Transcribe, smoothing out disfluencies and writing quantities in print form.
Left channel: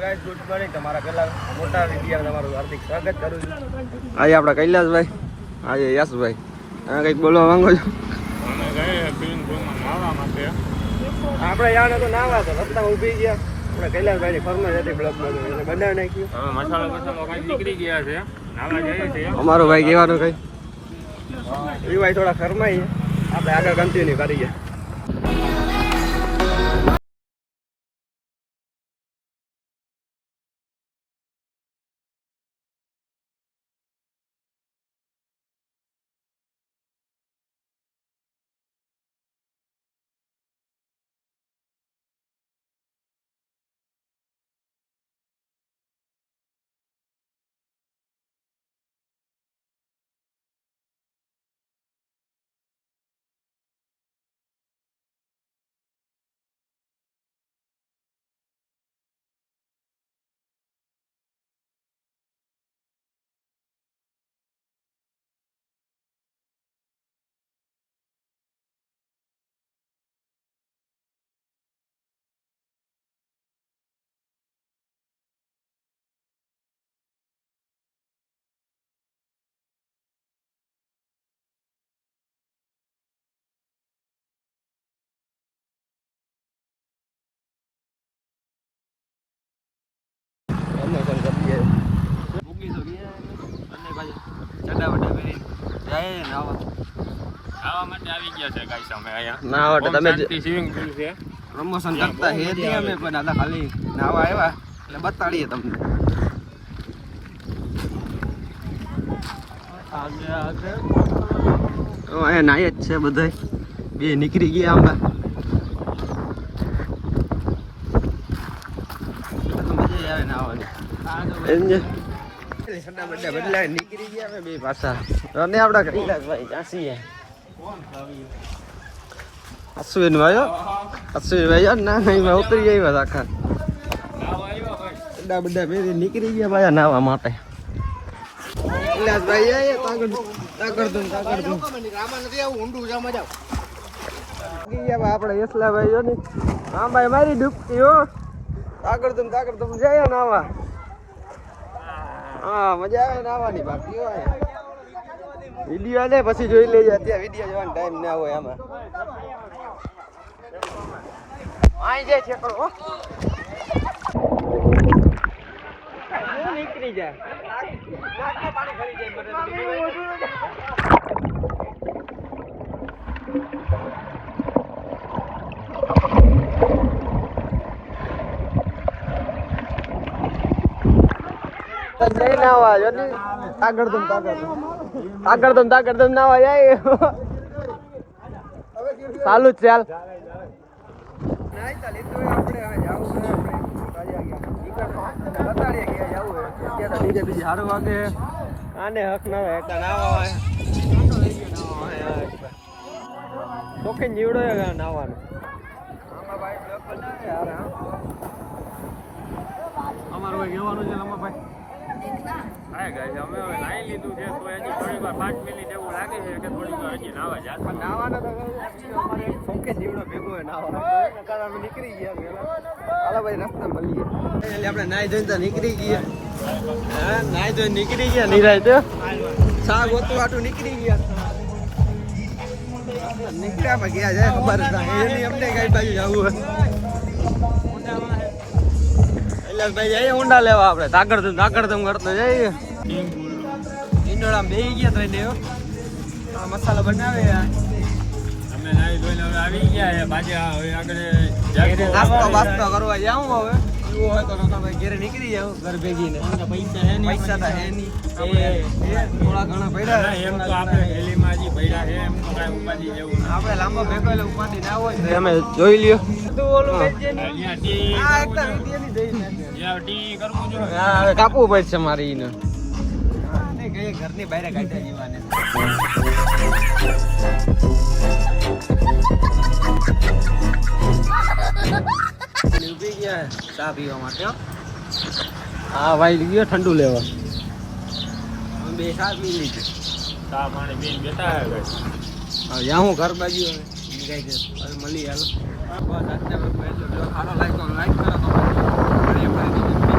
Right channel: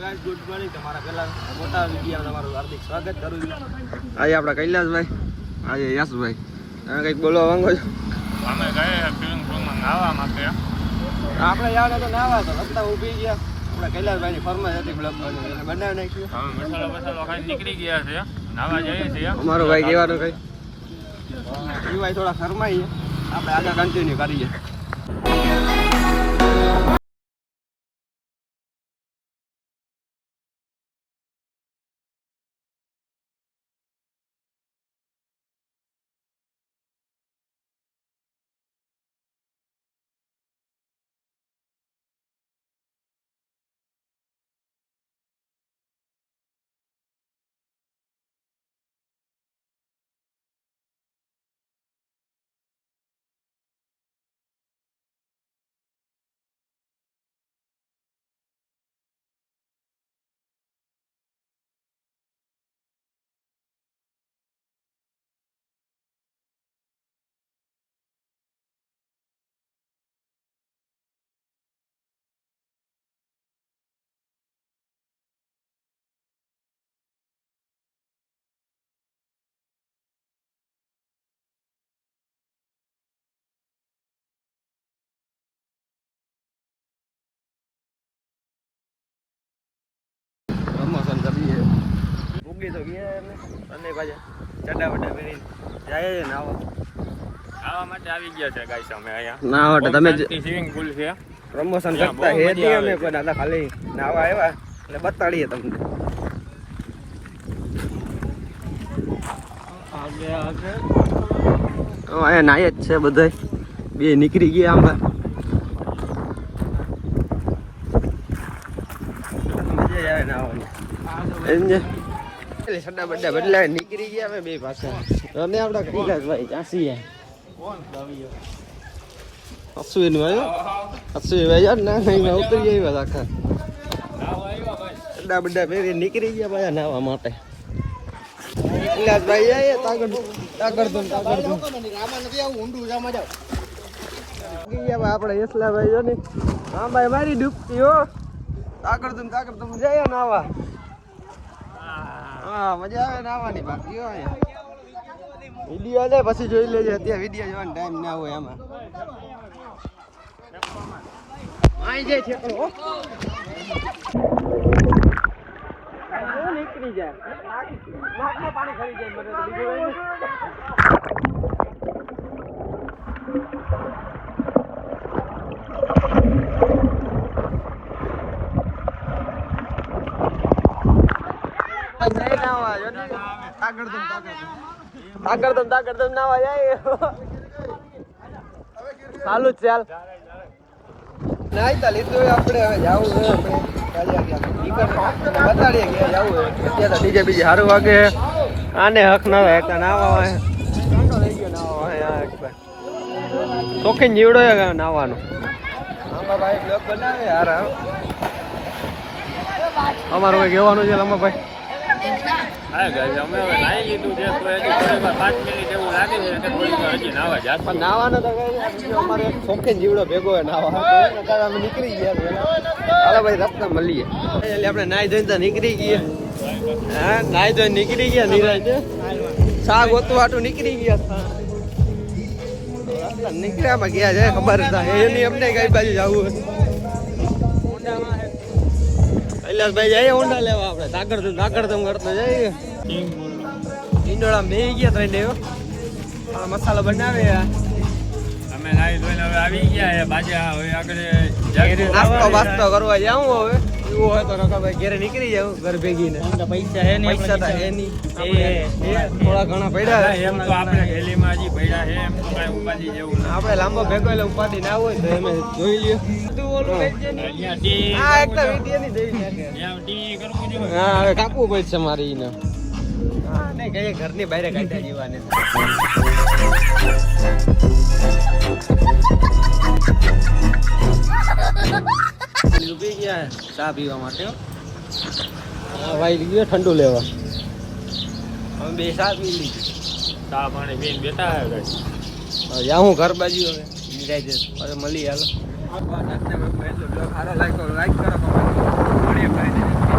Guys good morning, તમારા પહેલા મોટા વિડિયો તમારું હાર્દિક સ્વાગત કરું છું. આજે આપણા કૈલાસભાઈ, આજે યશભાઈ, તમે કંઈક બોલવા માંગો છો? અમે ગયા સ્વિમિંગ પુલમાં નાહવા માટે. આપણે યાર તો નાહવા તો રસ્તામાં ઊભી ગયા. આપણે કૈલાસભાઈની ફરમાઈશ હતી બ્લોગ બાજુ એટલે બનાવી નાખ્યું. હવે મસાલો ખાઈ નીકળી ગયા છે, નાહવા જઈએ છીએ. અમારો ભાઈ કહેવાનું કઈ એ ભાઈ થોડા ફરમાઈએ, આપણે આગળ કન્ટિન્યુ કરીએ. ભૂગી તો ગયા એમને અને પાછા ચડા વડા પહેરી જાય નાહવા માટે આવી ગયા છે ગાઈસ અમે અહીંયા. ના તમે શાંતિ સ્વિમિંગ પુલ છે. પ્રમોશન કરતા હે નહીં અમે, પણ દાદા ખાલી નાવા આવ્યા એટલે બતાડીએ તમને. અહીંયા નાય જ છે બધા, બે નીકળી ગયા આમ. મજા આવે નાવાની. સડા બડા બદલાય નીકળી ગયા અમે બે પાછા. અને આપડા કૈલાસભાઈ કાશી અશ્વિન ભાઈ, અશ્વિન ભાઈ ના નહીં ઉતરી આવ્યા આખા સડા બડા ફેરી નીકળી ગયા પાછા નાવા માટે. કૈલાસભાઈ આપડે યશલાભાઈ જો ને, હા ભાઈ મારી ડૂબતી હો. તાકડતુમ જાય નાવા. હા મજા આવે નાવાની. બાકી હોય વિડીયો આલે પછી જોઈ લેજે, અત્યારે વિડીયો જોવાનો ટાઈમ ના હોય આમાં. માઈ જાય છે પણ નીકળી જાય પાણી ખરી જાય. આગળ નાવા જાય ચાલુ જ ચાલ નાઈતા લીધું આપણે. હવે જવું બતાડીએ ગયા જવું અત્યારે બીજે સારું વાગે. આને હક ના હોય નાવા શોખીન જીવડો નાવાનો. અમારું કઈ કહેવાનું છે લંબાભાઈ? હા ગાઈસ અમે હવે નાહી લીધું છે, તો હજી થોડીક 5 મિનિટ એવું લાગે છે કે થોડીક વાર હજી નાહવા જાત. પણ નાવાનો તો અમારે એક શોખીન જીવડો ભેગો હોય નાવા, અમે નીકળી ગયા. હાલો ભાઈ રસ્તા મળીએ એટલે આપણે નાહી ધોઈને તો નીકળી ગયા. હા નાહી ધોઈને નીકળી ગયા નિરાય તો શાક ગોતવા હાટું નીકળી ગયા. નીકળ્યામાં ગયા છે ખબર એની અમને કઈ બાજુ જવું હોય. કૈલાસભાઈ જઈએ ઊંડા લેવા આપણે. તાકડધમ કરતો જઈએ. ઈંડોળા બેસી ગયા તો એને મસાલો બનાવે. અમે નાહી ધોઈને હવે આવી ગયા છે પાછા. હવે આગળ નાસ્તો બાસ્તો કરવા જાઉં. હવે એવું હોય તો ભાઈ ઘેરે નીકળી જાવ ઘર ભેગી ને. પૈસા તો હે નહીં, થોડા ઘણા પડ્યા એમ તો આપણે હેલીમાં હજી પડ્યા છે, એમ તો કાંઈ ઉપાધિ જેવું ના. આપણે લાંબો ભેગો એટલે ઉપાધિ ના હોય તો અમે જોઈ લ્યો. અહીંયા ટી કરવું જોઈએ. કાપવું પડશે મારે એને. ઘરની બહાર કાઢ્યા જીવાને. ઉભી ગયા ચા પીવા માટે. હા ભાઈ ગયો ઠંડુ લેવા. હવે બે ચા પી લીધી. ચા પાણી બેન બેઠા. હવે હું ઘર બાજુ હવે મળી હાલો. સારો લાગ્યો લાઈક કરો. મળીએ ફરીથી.